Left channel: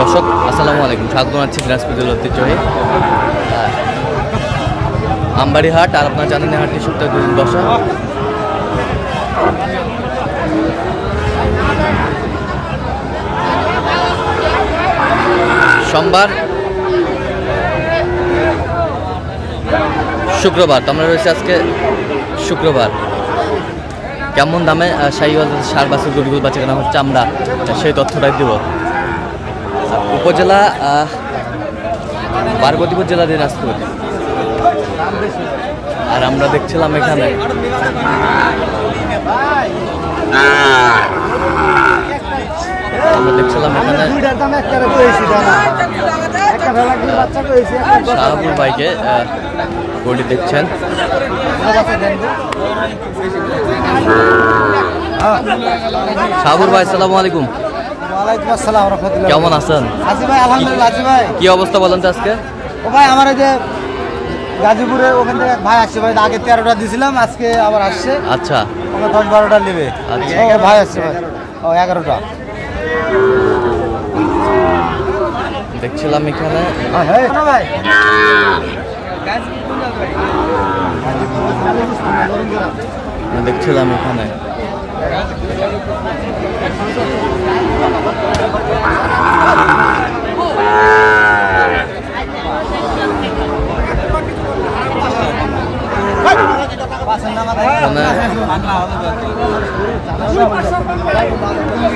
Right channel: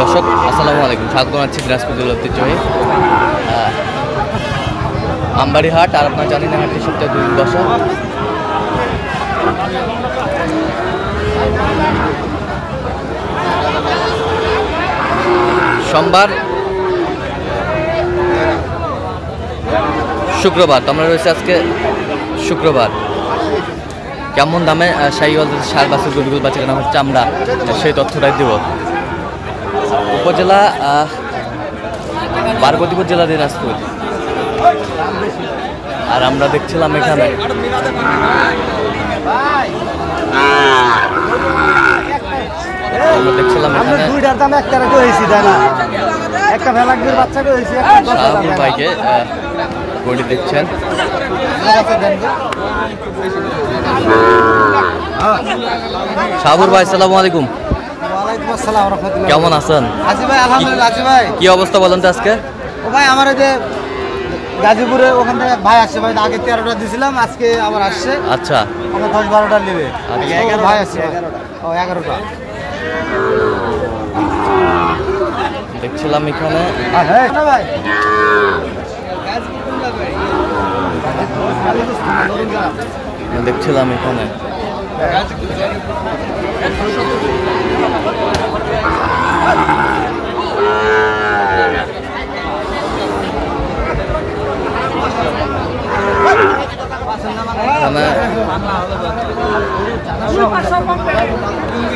দর্শক আসসালামু আলাইকুম, স্বাগত জানাচ্ছি দিনাজপুর জেলার ঐতিহ্যবাহী আমবাড়ি হাট। আর আপনারা জানেন হাটটি সপ্তাহে 2 দিন বসা। সোমবার, শুক্রবার। তো আমরা রয়েছে আজকে শুক্রবার। কেমন দামে শাহিওয়াল সার বাছুর গরুগুলো বাচ্চা কেনা হচ্ছে আমরা সেই তথ্যটাই দেব। উপজেলা পার্বতীপুর জেলা দিনাজপুর। আর আমরা দেখছিলাম এখানে শাহাবুর ভাইকে গরুটি দেখছেন। শাহাবুর ভাই আসসালামু আলাইকুম। কেমন আছেন? কি অবস্থা বলেন তো আজকে? ও ভাই আমার যে গাজীপুরে ওখান থেকে ভাই আসছে ভাই, আগে 13টা দিয়েছিলাম, আজকে আবার আসছে। আচ্ছা, আমরা 10-12টা নেবে। আচ্ছা, ভাই আসছে 11টা দেখছিলাম এখানে। দেখছিলাম এখানে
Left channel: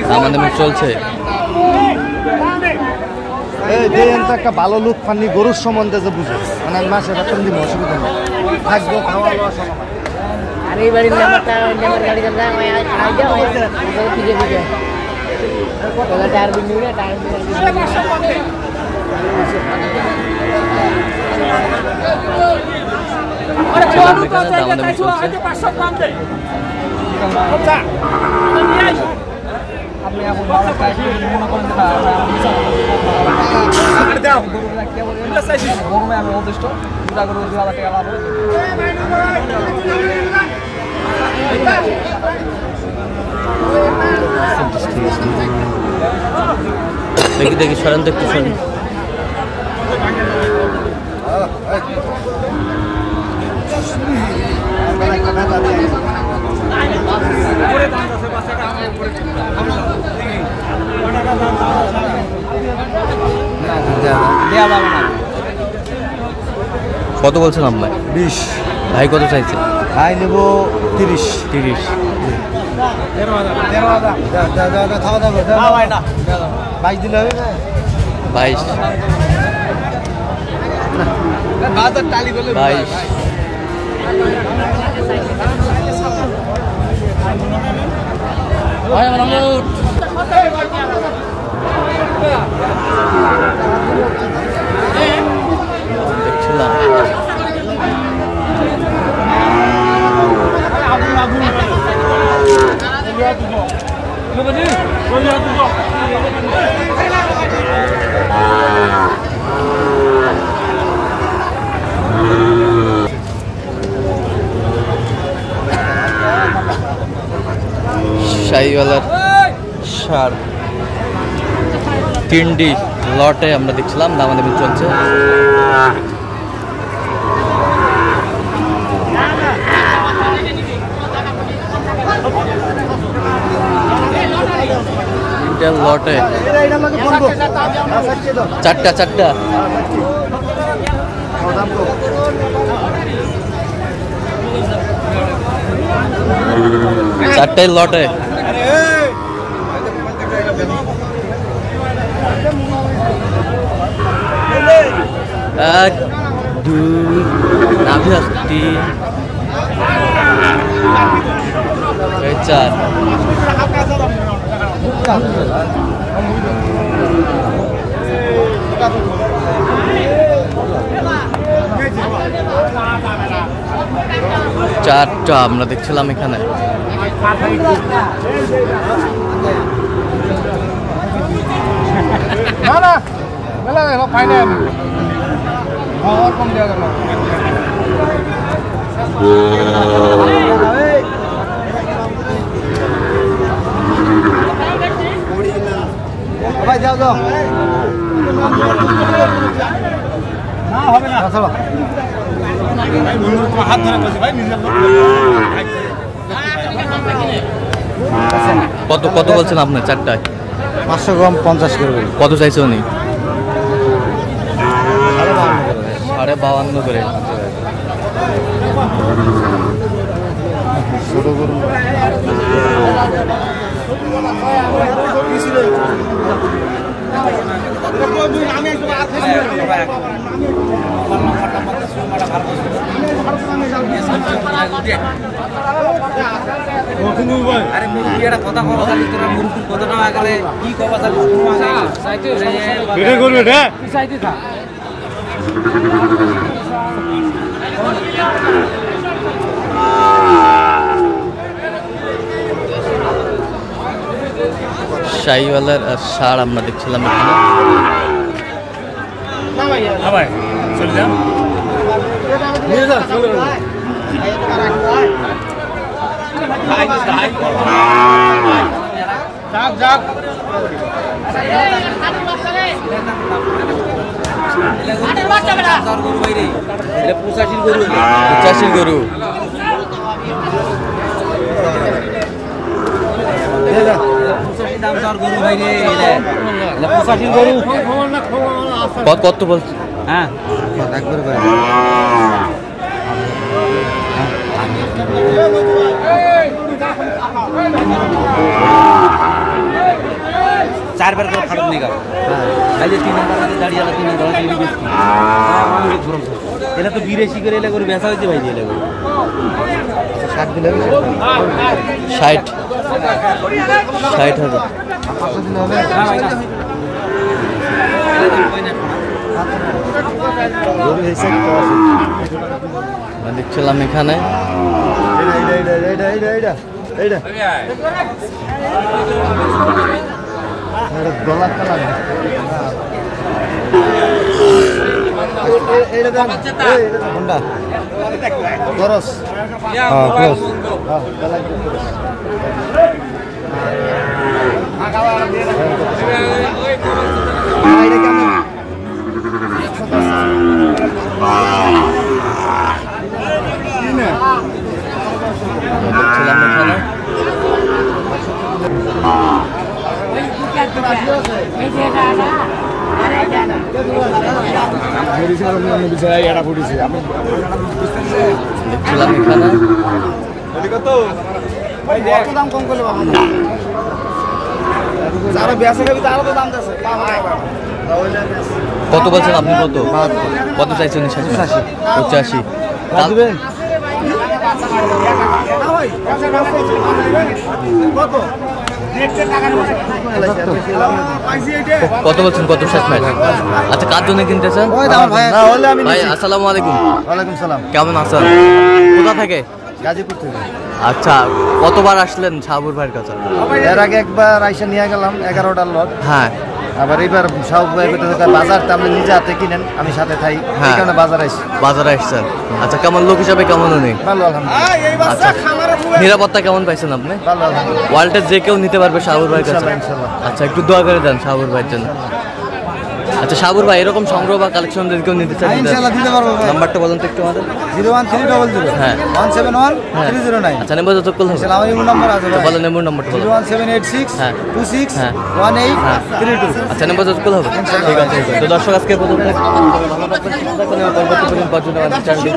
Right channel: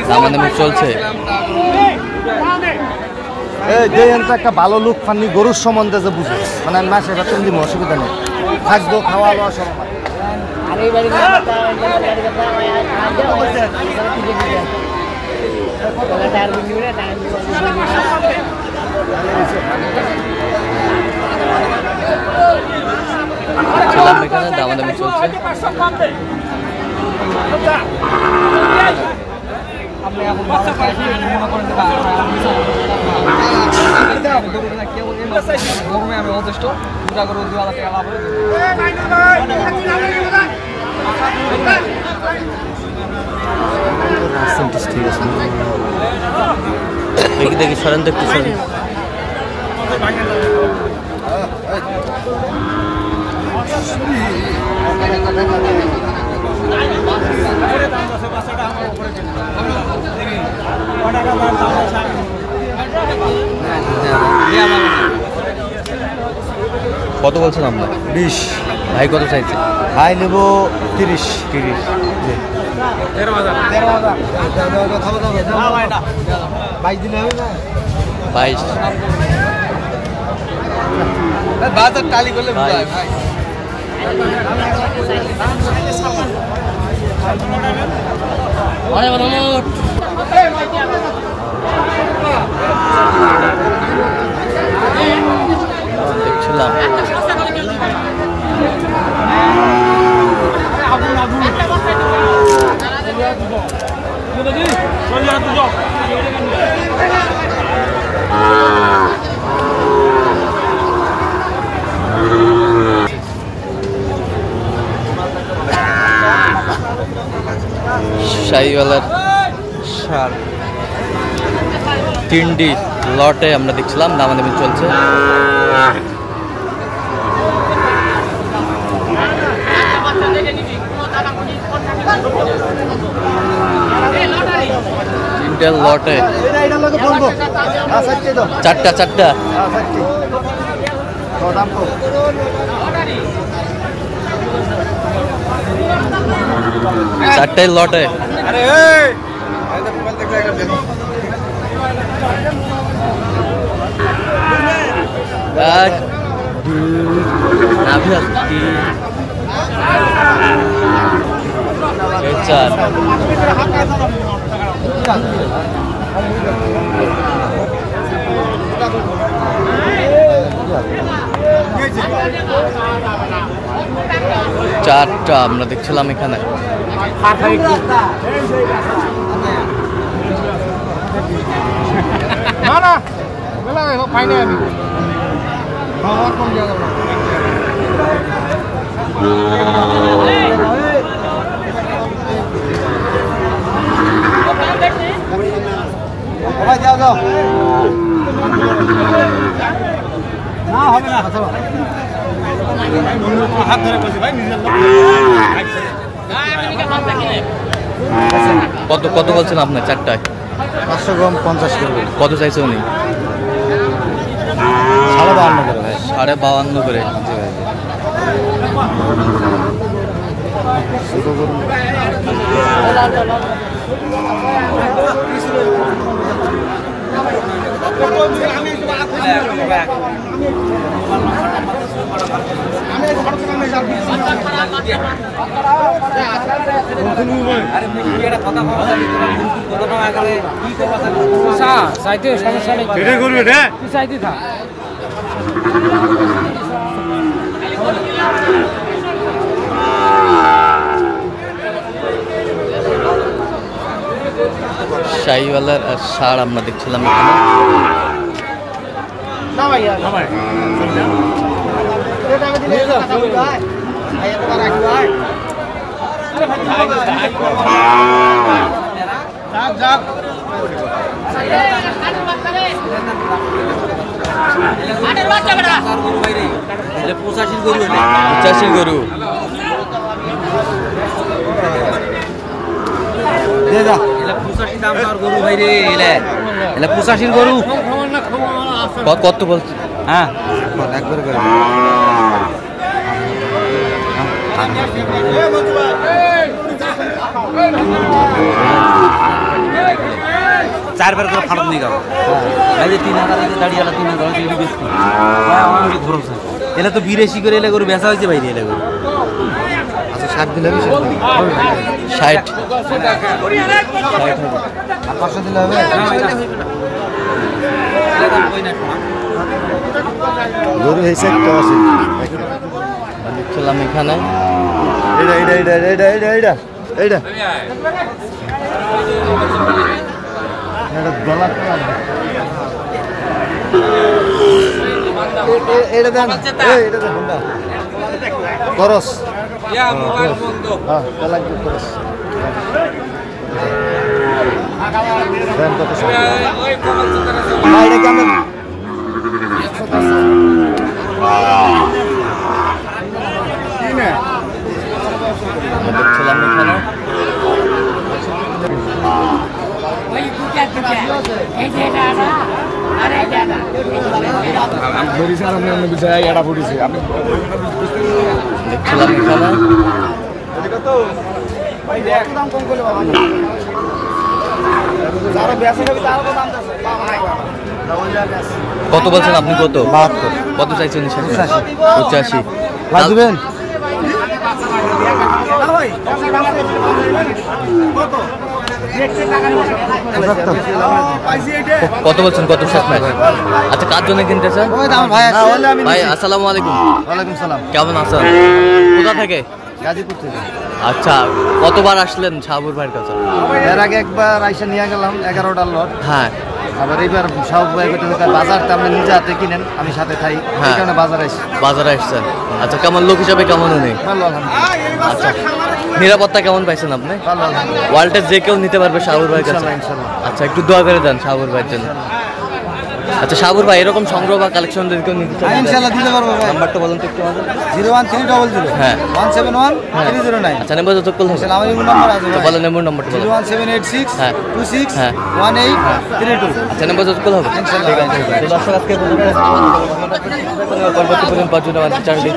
দামাদামি চলছে। একটা ভালো লুক পাননি গরুর সম্বন্ধে যে বুঝে, মানে আমি মাসে বেতন দিব, অসুবিধা নেই, থাকবো খাওয়া দাওয়া সব। ছিলাম এখানে দামাদামি চলছে। আপনি এখন মনে করেন আমি অদৃষ্ট দুটা গরু 2,000 টাকা লাভ হবে। দেখি দেখি সরেন তো একটু সরেন। কত বলছিলাম ভাই? 20। ভাই কত চাইছে? ভাই নেব 30। 30। 22 দিলে হবে। 22। 22। দেখছিলাম শাহিওয়ালার সার 3টি লটে আমরা দেখছিলাম দামাদামি চলছে। লটে 4টা 4টাই লটে। এক, দুই, নাভি আসছি, 4। চারটা আমরা দেখছিলাম এখানে। যাও কত কত বলছেন আপনার চারটায়? 500 গ্রাম 50 করে বলি। কত চাইছে উনি? 52.5 করে। ছোট গরু শাহিওয়ালের ষাঁড় আমরা দেখছিলাম এখানে। পঁচাশির গরু। কত বলছে? হ্যাঁ একবার করে চারবার করে ফাটক নিয়ে গেল। এলে তো 82 করে এলে গরু বেচা হয়েছে ভাই। এলে গরু 60 দিলে হবে 60 হবে। 500 দিলে হবে। গরু হয়েছে তো আছে দেখছিলাম এখানে। ডলার কালার খরচ দেখছিলাম এখানে। দেখছিলাম এখানে। কত বলছেন আপনি? কত চাইছেন? 85। কত বলছেন? কত শেষ ম্যাচ? আচ্ছা, কার জন্য কিনতেছেন? ভাই আসসালামু আলাইকুম। ওয়ালাইকুম সালাম। কেমন আছেন? কোথা থেকে? গাজীপুর থেকে। আচ্ছা, কতবার আসলেন শাহাবুর ভাইয়ের কাছে? এর আগে একবার আইসা নিয়ে গেলাম 11টার লট। হ্যাঁ। আবার এবার শাহাবুর ভাই বাজারটা আপনি নিজে হাতে কিনেন, আমি সাথে থাই, এই কারণে বাজারে আসি। বাজারে আসছেন। আচ্ছা, কেমন লোক হিসাবে কেমন উনি? ভালো আলহামদুলিল্লাহ। আচ্ছা, নিরাপত্তা কেমন পাইছেন আপনি? ভালো আলহামদুলিল্লাহ। ওয়ার্ল্ডের যে কেউ নিতে পারবে শাহাবুর ভাইয়ের কাছে? ইনশাআল্লাহ। আচ্ছা, একটু দোয়া করে দেন শাহাবুর ভাইয়ের জন্য। আচ্ছা শাহাবুর ভাই, এরকম সংগ্রহ বা কালেকশন যদি কেউ নিতে চায় ইনশাআল্লাহ দিতে পারবো ভাই। নাম্বারটা বলুন তো একটু আমাদের। 01300 হ্যাঁ 171 309। আচ্ছা, নেম্বার যত কল হবে। আমার ইমো নাম্বার আছে ভাই। বলেন নেম্বার নাম্বারটা বলেন। 01786 হ্যাঁ 26 হ্যাঁ 1832। আচ্ছা, নেম্বার যত কল হবে। ঠিক আছে। তো দর্শক, আজকে ভালো থাকবেন, সুস্থ থাকবেন, পরবর্তী পর্যন্ত চ্যানেলটি